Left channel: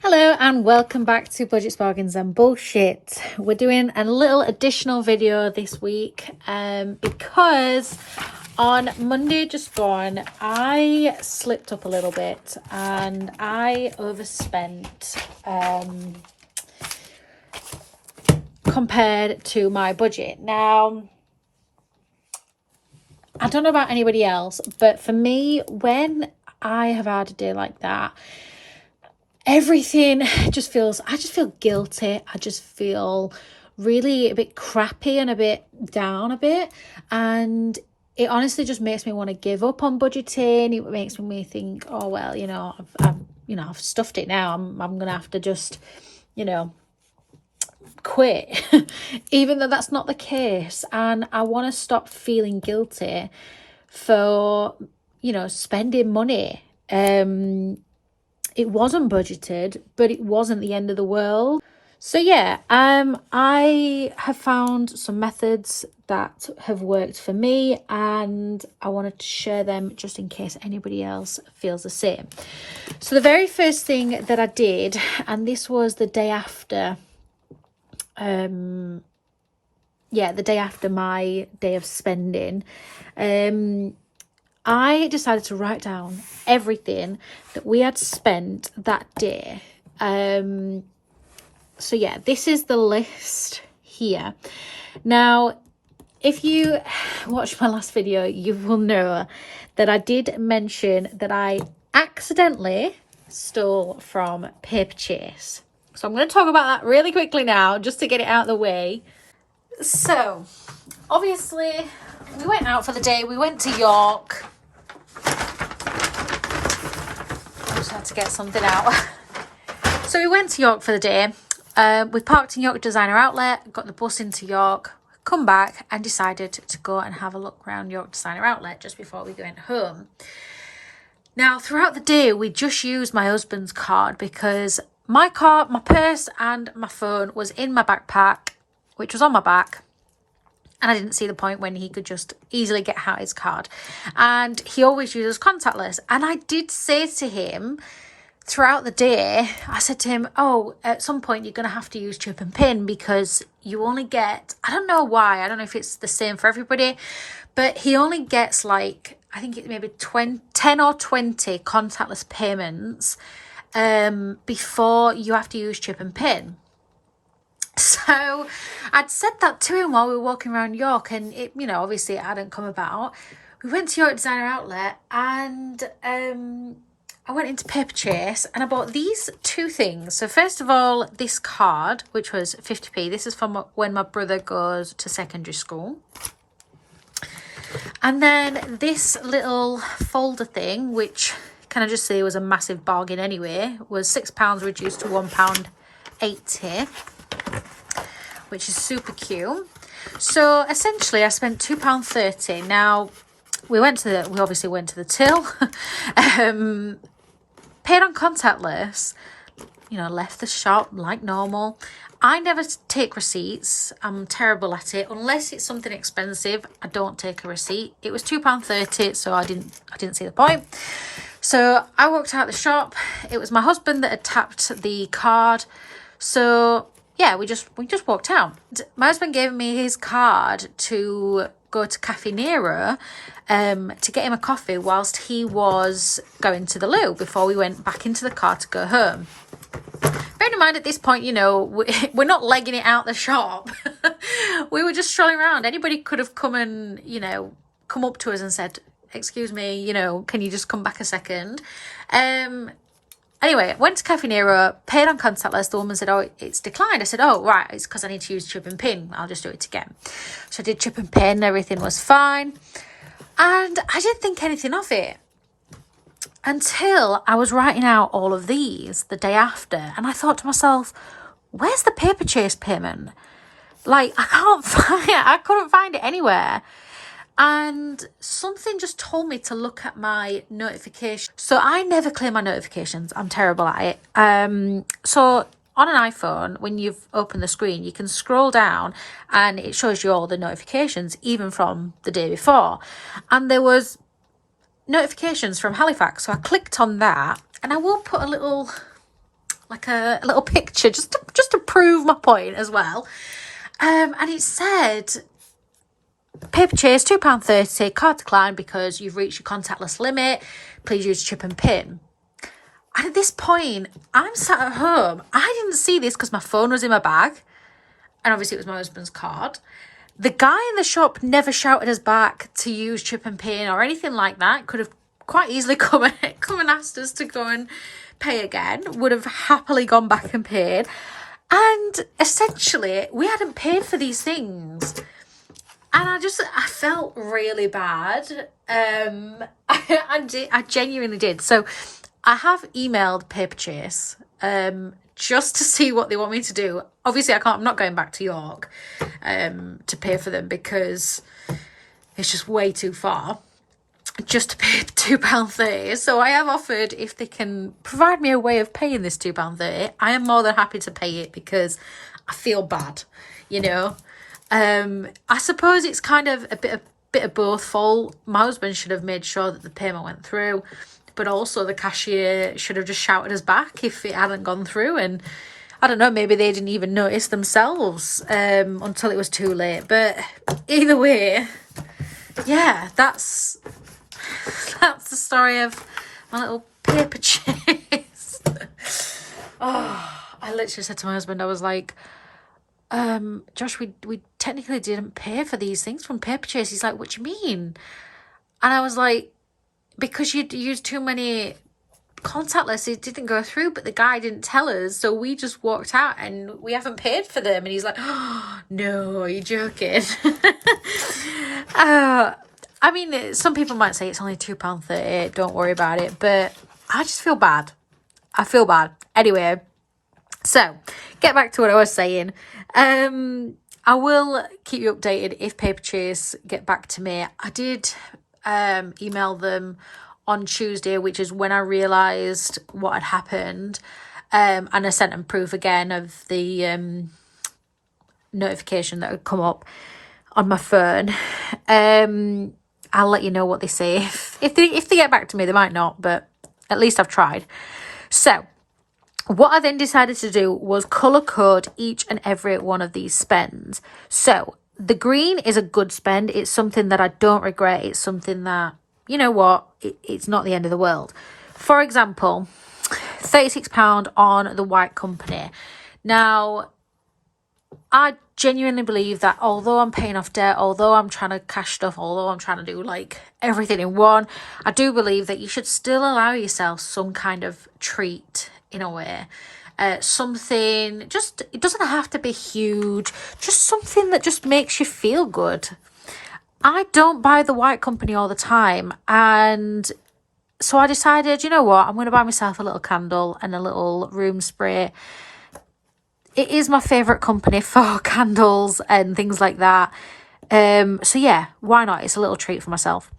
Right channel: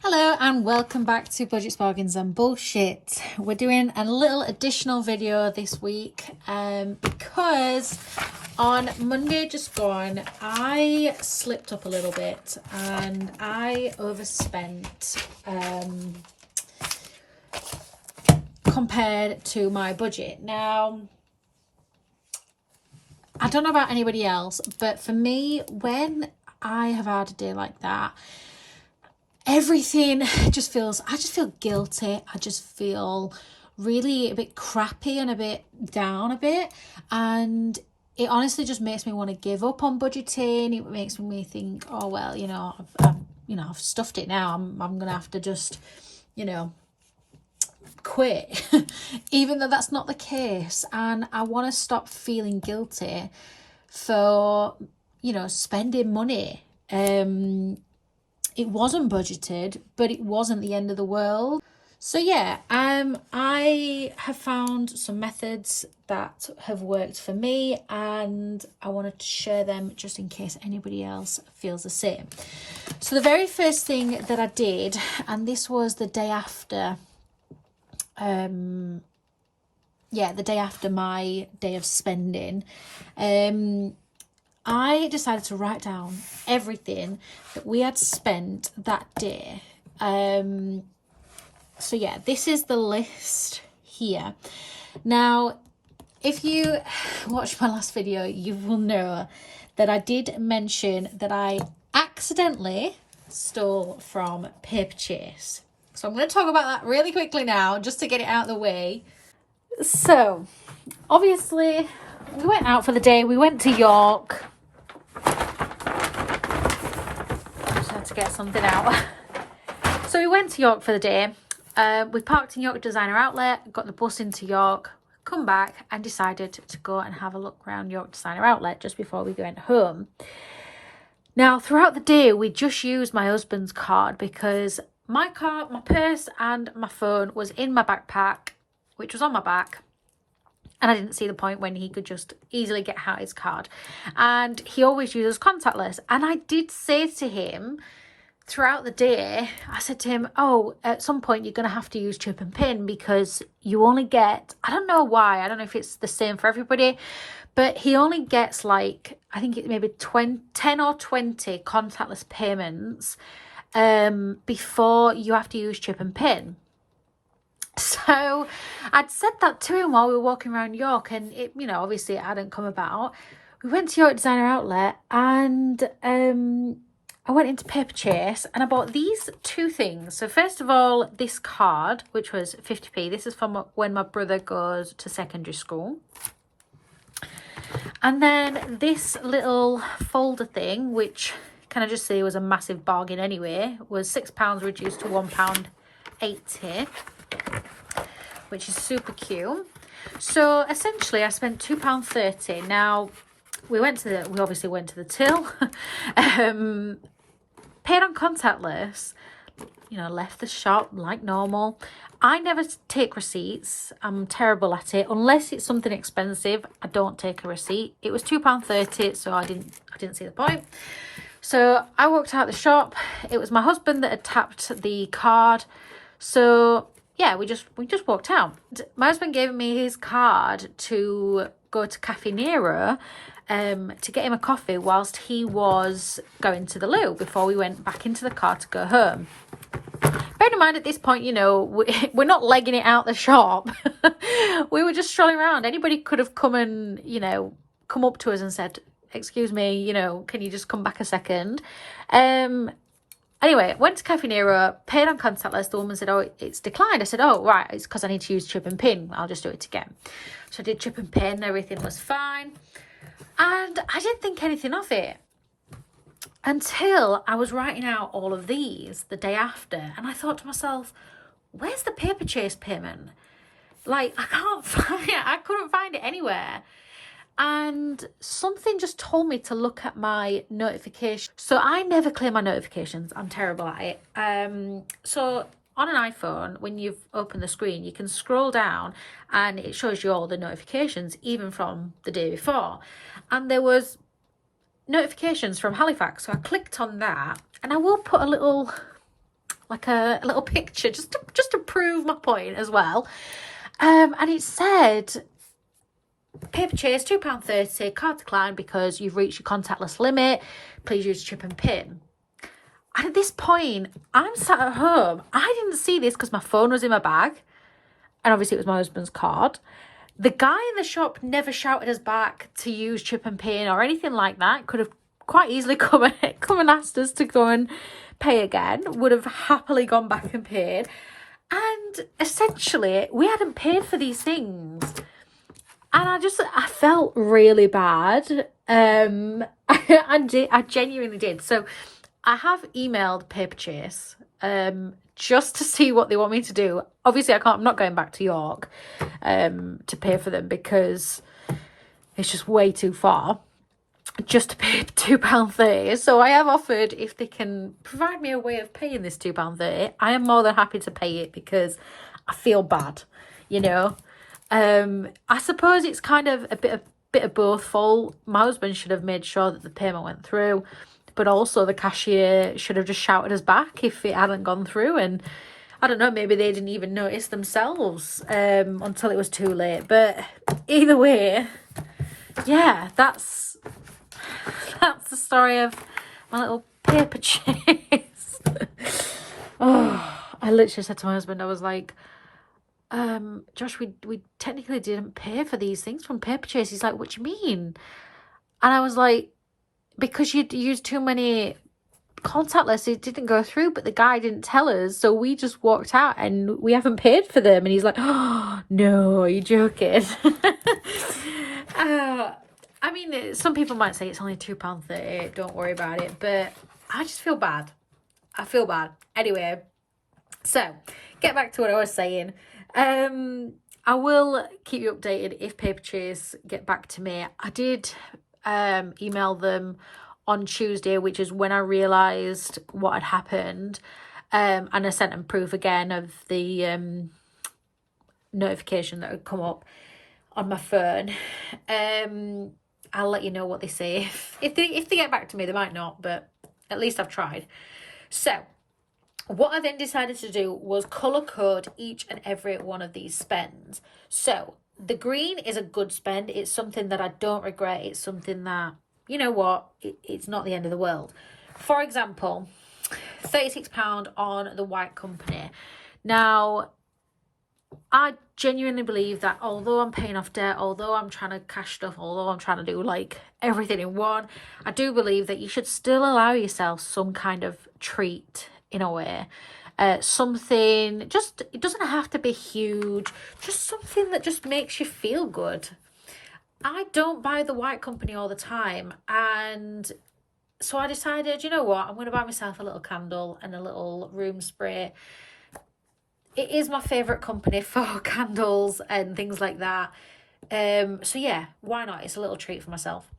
Hello and welcome back to Budgets, Bargains and Bullshit. We're doing a little additional video this week because on Monday just gone I slipped up a little bit and I overspent compared to my budget. Now, I don't know about anybody else, but for me, when I have had a day like that, everything just feels, I just feel guilty. I just feel really a bit crappy and a bit down a bit. And it honestly just makes me want to give up on budgeting. It makes me think, oh, well, I've stuffed it now. I'm going to have to just, quit, even though that's not the case. And I want to stop feeling guilty for, spending money. It wasn't budgeted, but it wasn't the end of the world. So yeah, I have found some methods that have worked for me and I wanted to share them just in case anybody else feels the same. So the very first thing that I did, and this was the day after, the day after my day of spending, I decided to write down everything that we had spent that day. So yeah, this is the list here. Now, if you watched my last video, you will know that I did mention that I accidentally stole from Paper Chase. So I'm going to talk about that really quickly now, just to get it out of the way. So, obviously, we went out for the day. We went to York. I just had to get something out. So we went to York for the day. We parked in York Designer Outlet, got the bus into York, come back and decided to go and have a look around York Designer Outlet just before we went home. Now, throughout the day, we just used my husband's card because my card, my purse and my phone was in my backpack, which was on my back. And I didn't see the point when he could just easily get out his card. And he always uses contactless. And I did say to him throughout the day, I said to him, oh, at some point you're going to have to use chip and pin because you only get, I don't know why, I don't know if it's the same for everybody, but he only gets like, I think it may be 10 or 20 contactless payments before you have to use chip and pin. So I'd said that to him while we were walking around York and it, obviously it hadn't come about. We went to York Designer Outlet and I went into Paper Chase and I bought these two things. So first of all, this card, which was 50p. This is from when my brother goes to secondary school. And then this little folder thing, which can I just say was a massive bargain anyway, was £6 reduced to £1.80. Which is super cute. So essentially I spent £2.30. Now we obviously went to the till, paid on contactless, left the shop like normal. I never take receipts. I'm terrible at it. Unless it's something expensive, I don't take a receipt. It was £2.30, so I didn't see the point. So I walked out the shop. It was my husband that had tapped the card. So yeah, we just walked out. My husband gave me his card to go to Cafe Nero to get him a coffee whilst he was going to the loo before we went back into the car to go home. Bear in mind at this point, we're not legging it out the shop. We were just strolling around. Anybody could have come and, come up to us and said, excuse me, can you just come back a second? Anyway, went to Cafe Nero, paid on contactless. The woman said, oh, it's declined. I said, oh, right, it's because I need to use chip and pin. I'll just do it again. So I did chip and pin. Everything was fine. And I didn't think anything of it until I was writing out all of these the day after. And I thought to myself, where's the Paper Chase payment? Like, I couldn't find it anywhere. And something just told me to look at my notifications. So I never clear my notifications. I'm terrible at it. So on an iPhone, when you've opened the screen, you can scroll down and it shows you all the notifications, even from the day before. And there was notifications from Halifax. So I clicked on that, and I will put a little, like a little picture just to prove my point as well. And it said, paper chase, £2.30, card declined because you've reached your contactless limit. Please use chip and pin. And at this point, I'm sat at home. I didn't see this because my phone was in my bag. And obviously it was my husband's card. The guy in the shop never shouted us back to use chip and pin or anything like that. Could have quite easily come and asked us to go and pay again. Would have happily gone back and paid. And essentially, we hadn't paid for these things. And I felt really bad. I genuinely did. So I have emailed Paper Chase just to see what they want me to do. Obviously, I'm not going back to York to pay for them because it's just way too far just to pay £2.30. So I have offered if they can provide me a way of paying this £2.30. I am more than happy to pay it because I feel bad, you know. I suppose it's kind of a bit of both fault. My husband should have made sure that the payment went through, but also the cashier should have just shouted us back if it hadn't gone through. And I don't know, maybe they didn't even notice themselves until it was too late. But either way, yeah, that's the story of my little paper chase. Oh, I literally said to my husband, I was like, Josh, we technically didn't pay for these things from Paper Chase. He's like, what do you mean? And I was like, because you'd used too many contactless, it didn't go through, but the guy didn't tell us, so we just walked out and we haven't paid for them. And he's like, oh no, are you joking? I mean, some people might say it's only £2.30, don't worry about it, but I just feel bad. I feel bad. Anyway, so get back to what I was saying. I will keep you updated if Paper Chase get back to me. I did email them on Tuesday, which is when I realised what had happened, and I sent them proof again of the notification that had come up on my phone. I'll let you know what they say. If they get back to me, they might not, but at least I've tried. So what I then decided to do was colour code each and every one of these spends. So the green is a good spend. It's something that I don't regret. It's something that, you know what, it's not the end of the world. For example, £36 on the White Company. Now, I genuinely believe that although I'm paying off debt, although I'm trying to cash stuff, although I'm trying to do like everything in one, I do believe that you should still allow yourself some kind of treat in a way. Something, just, it doesn't have to be huge, just something that just makes you feel good. I don't buy the White Company all the time, and so I decided, you know what, I'm going to buy myself a little candle and a little room spray. It is my favourite company for candles and things like that. So yeah, why not? It's a little treat for myself.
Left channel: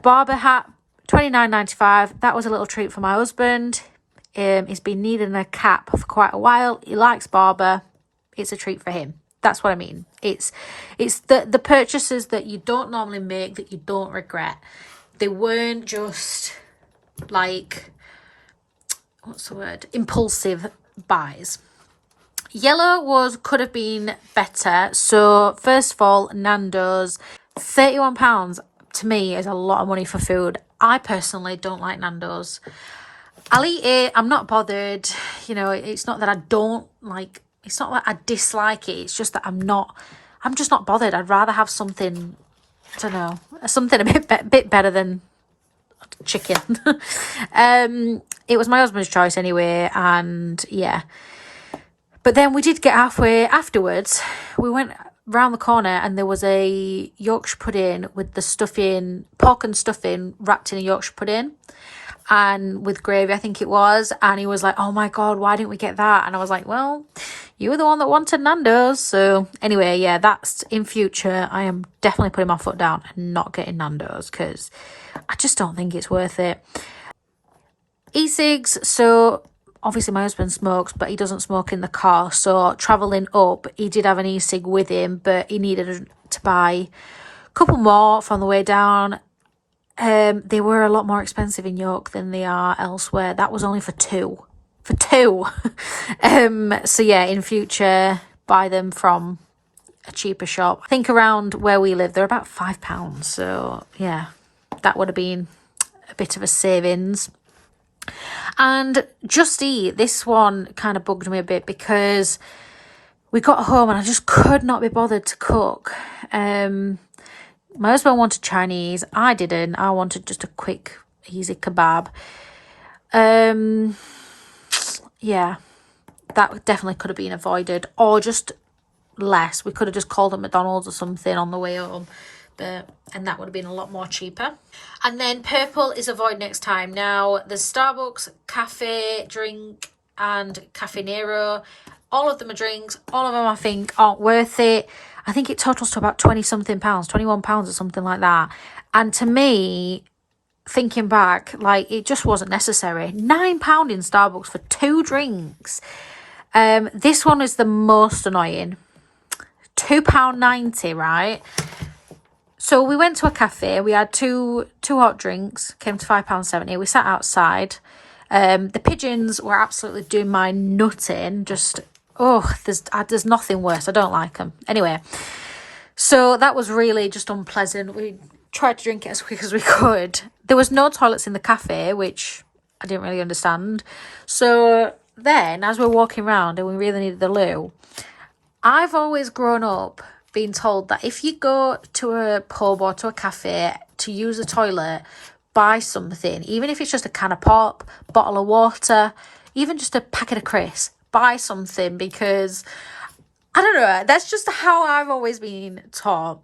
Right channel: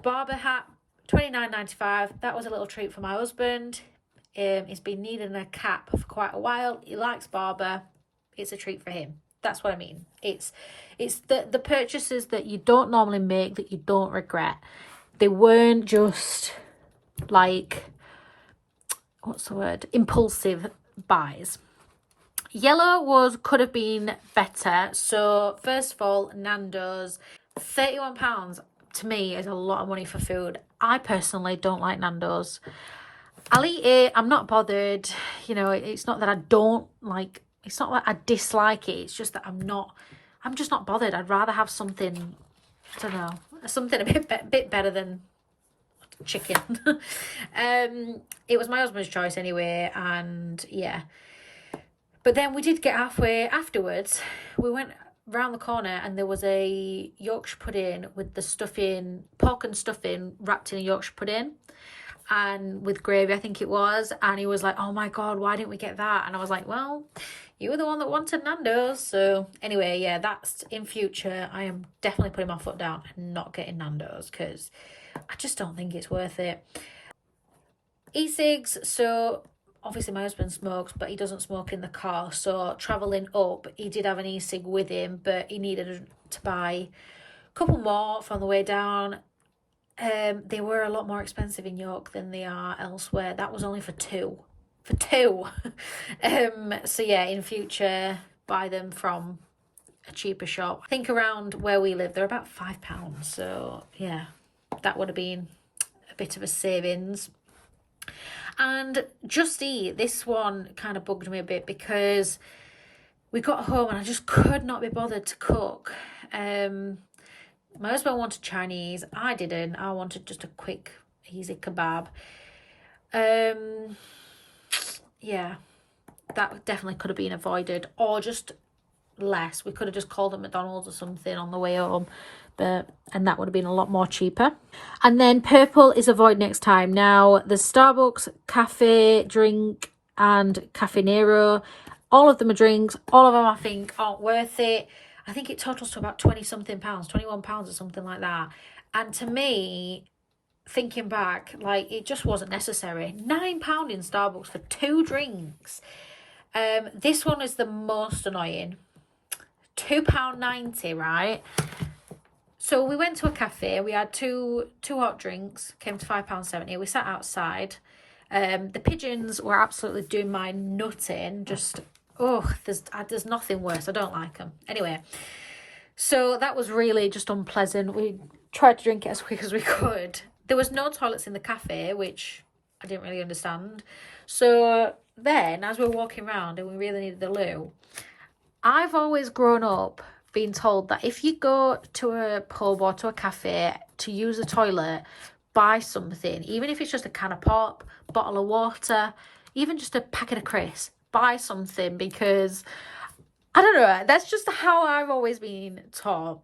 Barber hat, $29.95. That was a little treat for my husband. He's been needing a cap for quite a while. He likes Barber. It's a treat for him. That's what I mean. It's the purchases that you don't normally make that you don't regret. They weren't just like, what's the word? Impulsive buys. Yellow could have been better. So first of all, Nando's, £31 to me is a lot of money for food. I personally don't like Nando's. I'll eat it. I'm not bothered. You know, it's not that I don't like, it's not that I dislike it. It's just that I'm just not bothered. I'd rather have something, I don't know, something a bit better than chicken. It was my husband's choice anyway. And yeah. But then we did get halfway afterwards. We went round the corner and there was a Yorkshire pudding with the stuffing, pork and stuffing wrapped in a Yorkshire pudding and with gravy, I think it was. And he was like, oh my God, why didn't we get that? And I was like, well, you were the one that wanted Nando's. So anyway, yeah, that's in future. I am definitely putting my foot down and not getting Nando's because I just don't think it's worth it. E-cigs, so obviously my husband smokes, but he doesn't smoke in the car. So travelling up, he did have an e-cig with him, but he needed to buy a couple more from the way down. They were a lot more expensive in York than they are elsewhere. That was only for two. For two. So yeah, in future, buy them from a cheaper shop. I think around where we live, they're about £5. So yeah, that would have been a bit of a savings. And Just Eat, this one kind of bugged me a bit because we got home and I just could not be bothered to cook. My husband wanted Chinese. I didn't. I wanted just a quick, easy kebab. Yeah, that definitely could have been avoided, or just less. We could have just called at McDonald's or something on the way home, and that would have been a lot more cheaper. And then purple is avoid next time. Now, there's Starbucks, Cafe Drink, and Cafe Nero. All of them are drinks. All of them, I think, aren't worth it. I think it totals to about 20 something pounds, £21 or something like that. And to me, thinking back, like, it just wasn't necessary. £9 in Starbucks for 2 drinks. This one is the most annoying. £2.90, right? So we went to a cafe. We had two hot drinks. Came to £5.70. We sat outside. The pigeons were absolutely doing my nutting. Just, there's nothing worse. I don't like them. Anyway, so that was really just unpleasant. We tried to drink it as quick as we could. There was no toilets in the cafe, which I didn't really understand. So then, as we're walking around and we really needed the loo, I've always grown up being told that if you go to a pub or to a cafe to use a toilet, buy something, even if it's just a can of pop, bottle of water, even just a packet of crisps, buy something, because I don't know, that's just how I've always been taught.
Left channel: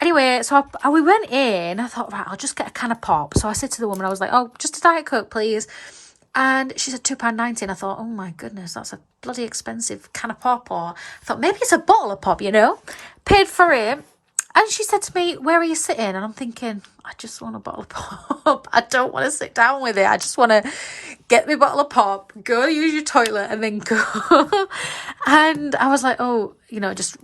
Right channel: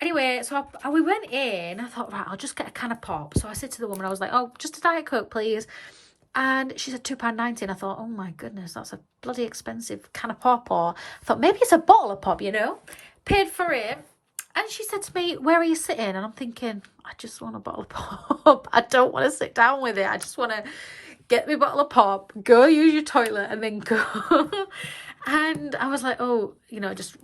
Anyway, so we went in. I thought, right, I'll just get a can of pop. So I said to the woman, I was like, oh, just a Diet Coke, please. And she said £2.90. And I thought, oh my goodness, that's a bloody expensive can of pop. Or I thought, maybe it's a bottle of pop, Paid for it. And she said to me, where are you sitting? And I'm thinking, I just want a bottle of pop. I don't want to sit down with it. I just want to get me a bottle of pop, go use your toilet, and then go. And I was like, just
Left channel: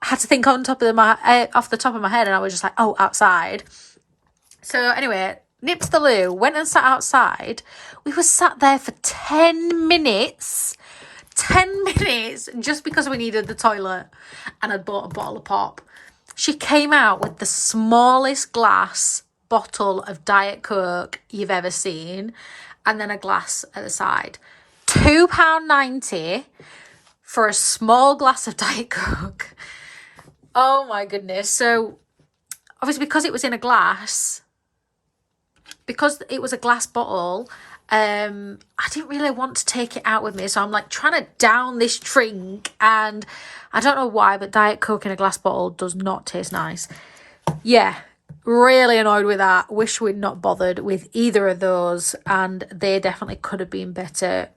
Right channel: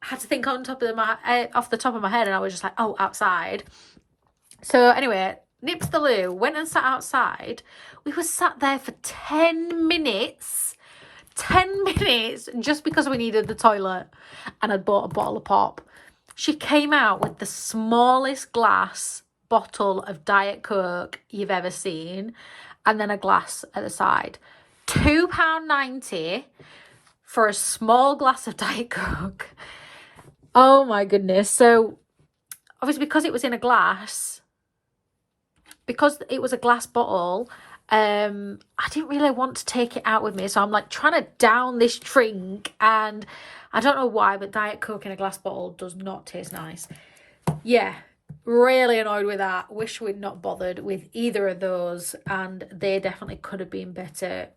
had to think off the top of my head, and I was just like, oh, outside. So anyway, nipped to the loo, went and sat outside. We were sat there for 10 minutes. 10 minutes just because we needed the toilet, and I'd bought a bottle of pop. She came out with the smallest glass bottle of Diet Coke you've ever seen, and then a glass at the side. £2.90 for a small glass of Diet Coke. Oh my goodness. So obviously, because it was in a glass, because it was a glass bottle, I didn't really want to take it out with me. So I'm like trying to down this drink, and I don't know why, but Diet Coke in a glass bottle does not taste nice. Yeah, really annoyed with that. Wish we'd not bothered with either of those, and they definitely could have been better.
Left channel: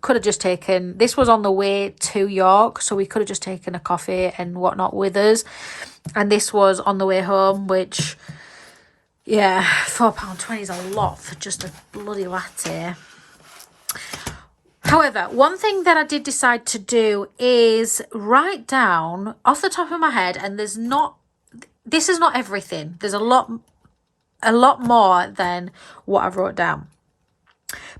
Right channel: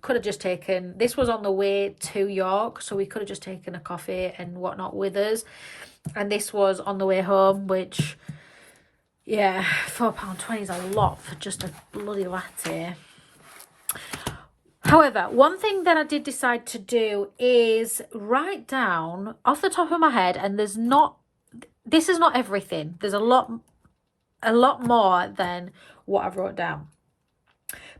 Could have just taken, this was on the way to York, so we could have just taken a coffee and whatnot with us. And this was on the way home, which, yeah, £4.20 is a lot for just a bloody latte. However, one thing that I did decide to do is write down off the top of my head, and this is not everything. There's a lot more than what I've wrote down.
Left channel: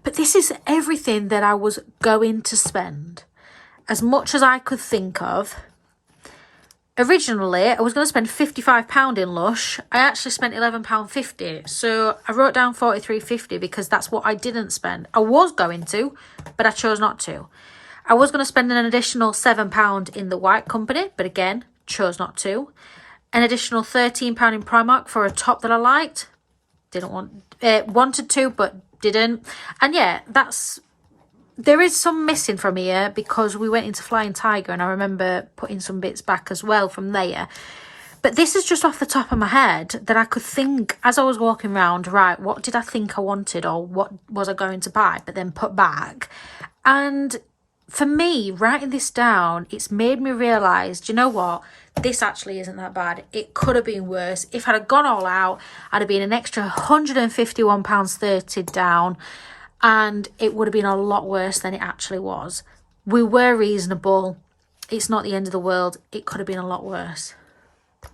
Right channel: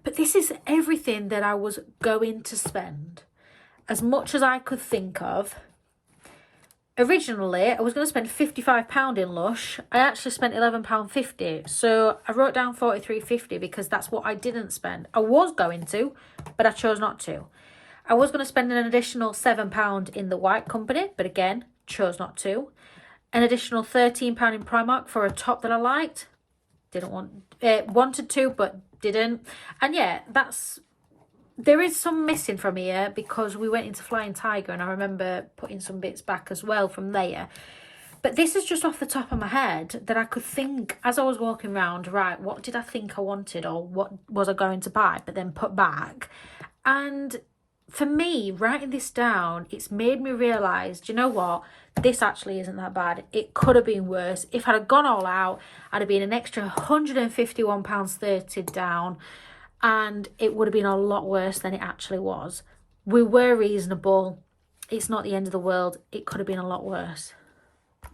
But this is everything that I was going to spend, as much as I could think of. Originally, I was going to spend £55 in Lush. I actually spent £11.50. So I wrote down £43.50 because that's what I didn't spend. I was going to, but I chose not to. I was going to spend an additional £7 in the White Company, but again, chose not to. An additional £13 in Primark for a top that I liked. Wanted to, but didn't. And yeah, there is some missing from here because we went into Flying Tiger, and I remember putting some bits back as well from there. But this is just off the top of my head that I could think as I was walking around, right, what did I think I wanted, or what was I going to buy, but then put back. And for me, writing this down, it's made me realise, do you know what? This actually isn't that bad. It could have been worse. If I'd have gone all out, I'd have been an extra £151.30 down. and it would have been a lot worse than it actually was. We were reasonable. It's not the end of the world. It could have been a lot worse.